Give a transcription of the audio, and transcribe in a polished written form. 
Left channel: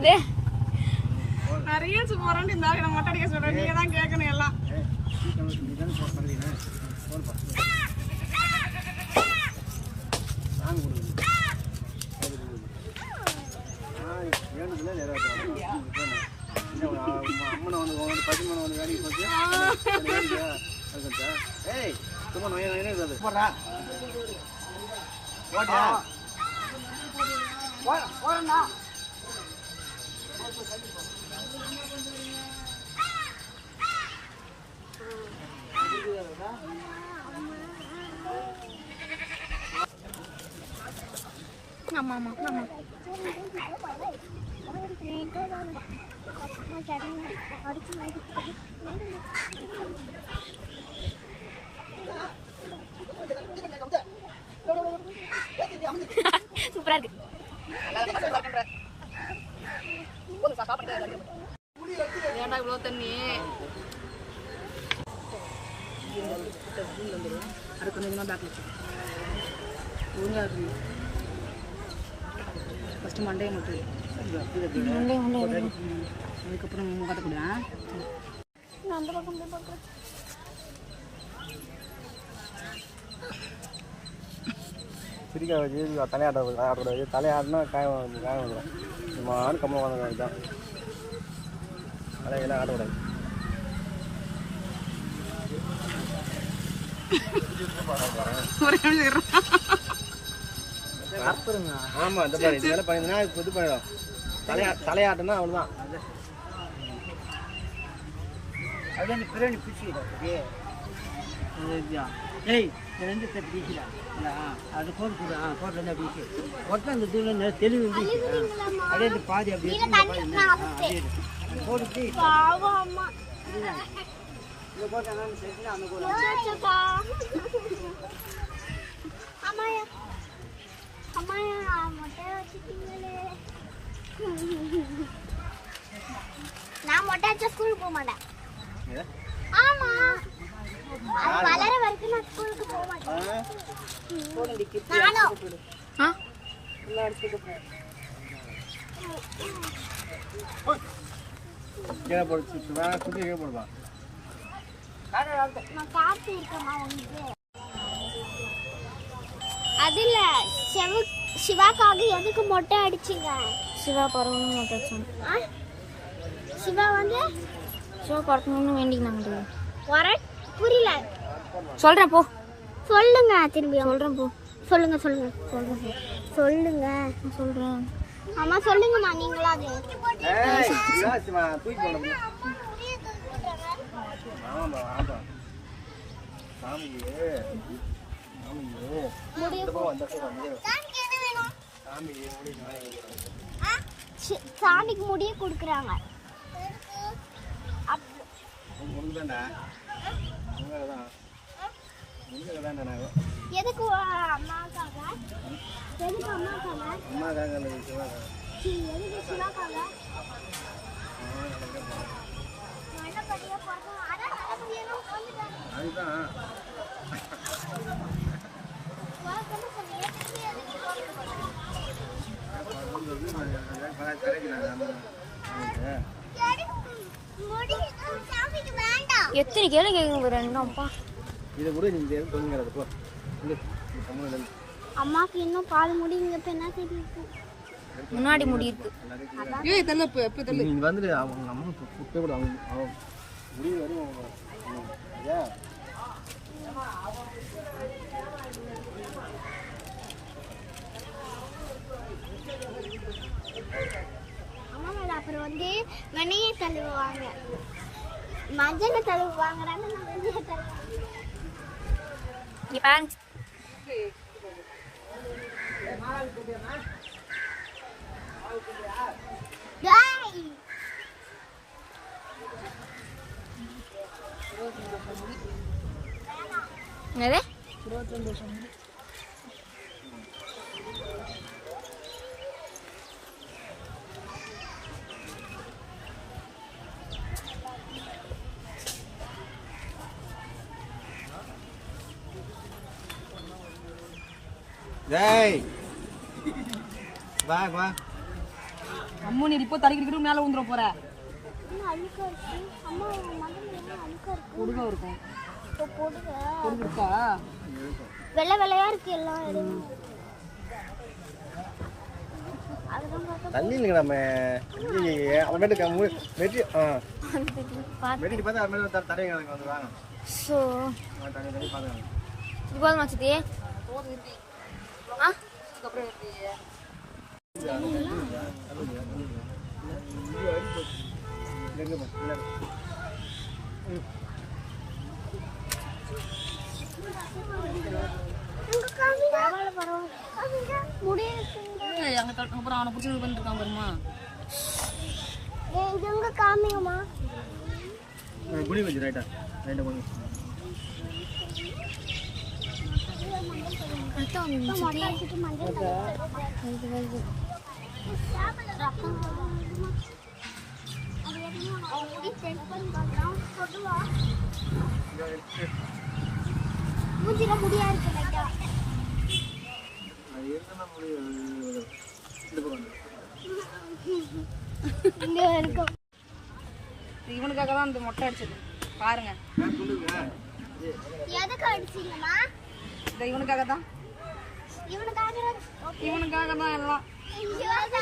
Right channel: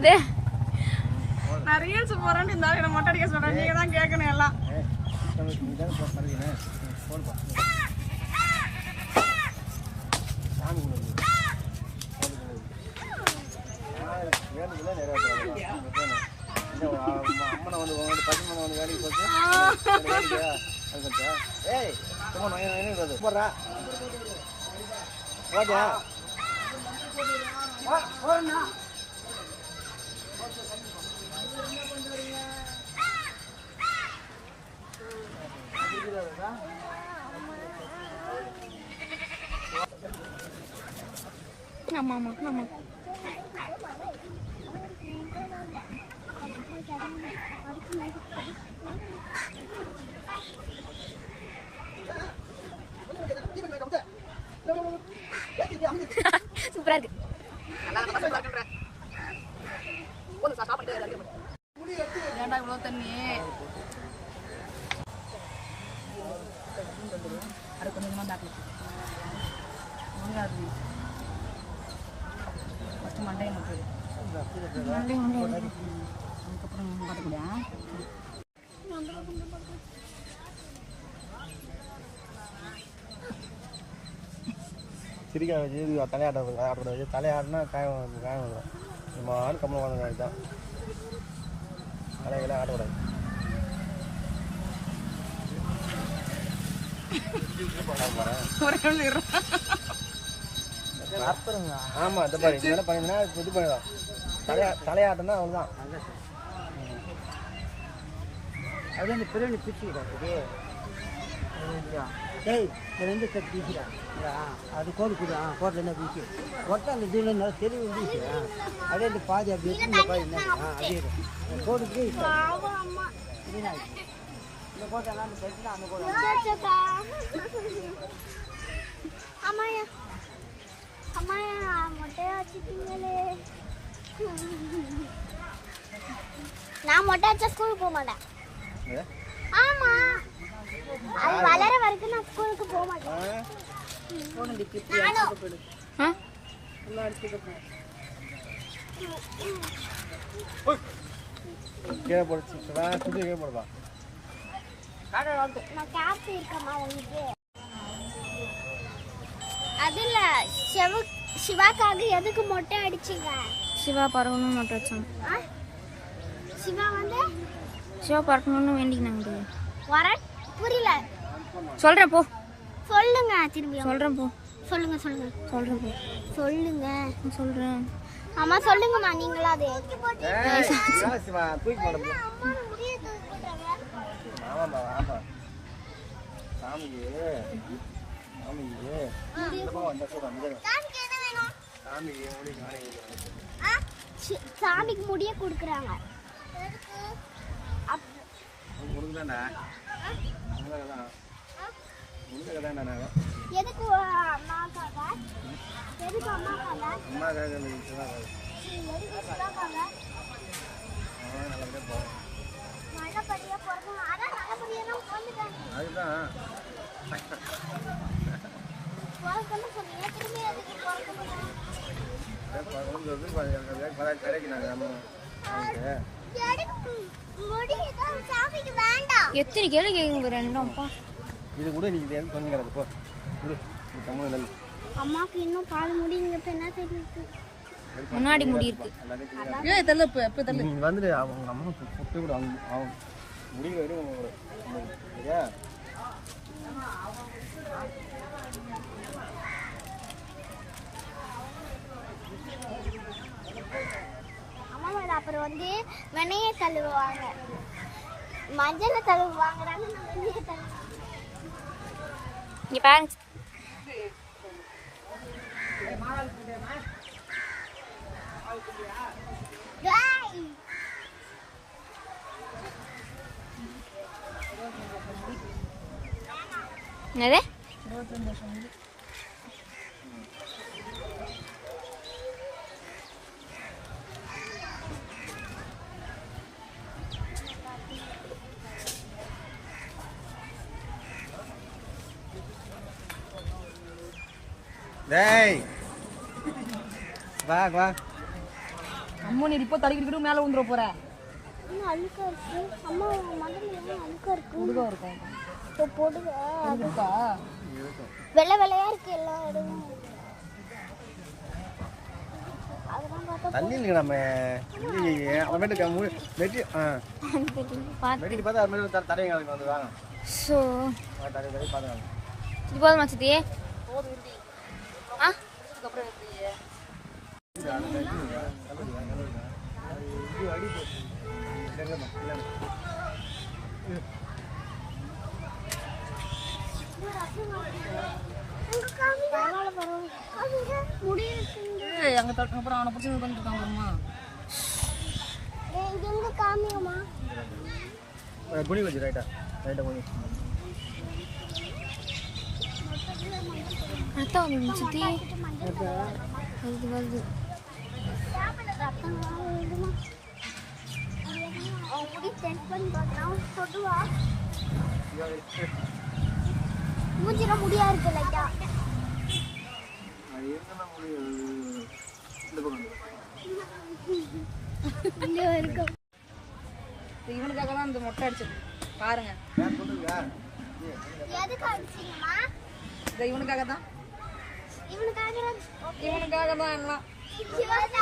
என்னது நான் ரீல்ஸ் போறேன்னு இந்த ஆளு மொட்டை அடிக்க சொல்றேன். நீங்க தான் கேட்கணும் எல்லாம். ஆமா ஆமா ஆமா சூப்பரா இருக்கு. ஏன்டா இவ்வளவு தண்ணி? அது கொஞ்சமா பேக்ல ஒழுங்கா இருக்கு. ஃபர்ஸ்ட் மண்டையை மட்டும் அதுக்கப்புறம் முகத்தை கூட அந்த பக்கம் போய் பார்க்குறேன். சிரிக்கா வச்சு தலையாடக்கூடாது. தலையாடினா காயம் வந்துடும். நம்ம ஆண் கம்மம் வந்த மாதிரி தான் தலையெல்லாம் ஆடக்கூடாது. ஆமா இது பண்ணிடலாம். தலையாட்டம்னா அவ்வளோதான். அது அந்த பிறகு பிடிச்சிக்கிட்டே ஏய் எந்த கட்டியா அது போட்டு போட்டு அப்படிச்சு போட்டு அந்த இதில் நல்லா தெளிவு இருந்துச்சு. அப்படியே இந்த பாதி அப்படி அப்படியே போட்டு நான் மொட்டை அடிச்சா ஸ்கூலுக்கு போக மாட்டேன். ஆமா அது வளர வரைக்கும் நான் ஸ்கூலுக்கு போக மாட்டேன். அதுல சிவாக்காக எதுக்கு மொட்டை அடிச்சுங்க? சிவா பறக்கணும்னு மொட்டை அடிச்சாங்க. சிவா வந்து சிவா பறக்கணும்னு வேண்டிக்கினாங்க. புரியல. சொல்றேன் போ. சொல்லுங்க திரும்பி. சொல்றேன் போ. சொல்லுங்க சொல்லுங்க சொல்றேன் போ. சொல்லுங்க சொல்றேன். ஆமா சொல்லுங்கம்மா நீங்களா அது. சாமிக்கு முடிய கொடுக்குறாங்க. எதுக்கு அம்மாக்காக? எதுக்கு அம்மாக்காக? அம்மாக்காக இல்லை சிவாக்காக. எதுக்கு சிவாக்காக? அதுதான் எத்தனை கேள்வி கேட்குங்க ரெண்டாம்ப்பா. இதை கூட நீங்க கொஞ்சம் கிடக்கு. அம்மாக்கு இன்னும் பால் முடி நீங்க என்ன தெரியுது? முன்னாடி முடி இருக்கு. ஏய் தள்ள எப்ப தள்ள நீங்க வந்து அவங்க அம்மா புட்டு கூட அவங்க முடி வரும். சரியா? அம்மா வந்து அப்புறம் வந்து வெண்ணையை தள்ளுவாங்க, மஞ்சள் தள்ளுவாங்க. இங்க பாருங்க. என்னது? டேய் வா வா அம்மா நீ இப்போ தடிக்கிட்டு மேலே ஊந்துட போற பொடுகா இருக்கும் பொடுகு இருக்கா வெள்ளை வெள்ளையா இருக்கு எல்லாம் தண்ணி நம்ம ஸோ இது போதுமா சித்தி ஆ பரவாயில்ல பரவாயில்ல முடியிருக்குங்க அங்கே அப்புறம் அவனை பிடிச்சி பண்ணிருக்கான் பாருமா எங்க காமியம்மா புனி வச்சு ரைட்டா ரைட்டா புனி அதான் சித்தி வருது வருது ரத்தம் வருதுமா அவன் முடி செட் பண்ணி பார்க்கலாம் சொல்லுவா மூஞ்சில முடியா இருக்கு லைட்டா இங்க இருக்கும் இவனுக்காக தான் இந்த மொட்டை அடிச்சு பாருங்க எதுக்கு அடிச்சீங்கம்மா இவனுக்காக தான் இவனுக்காக இவனுக்காக தான் எல்லாம் இவனுக்காக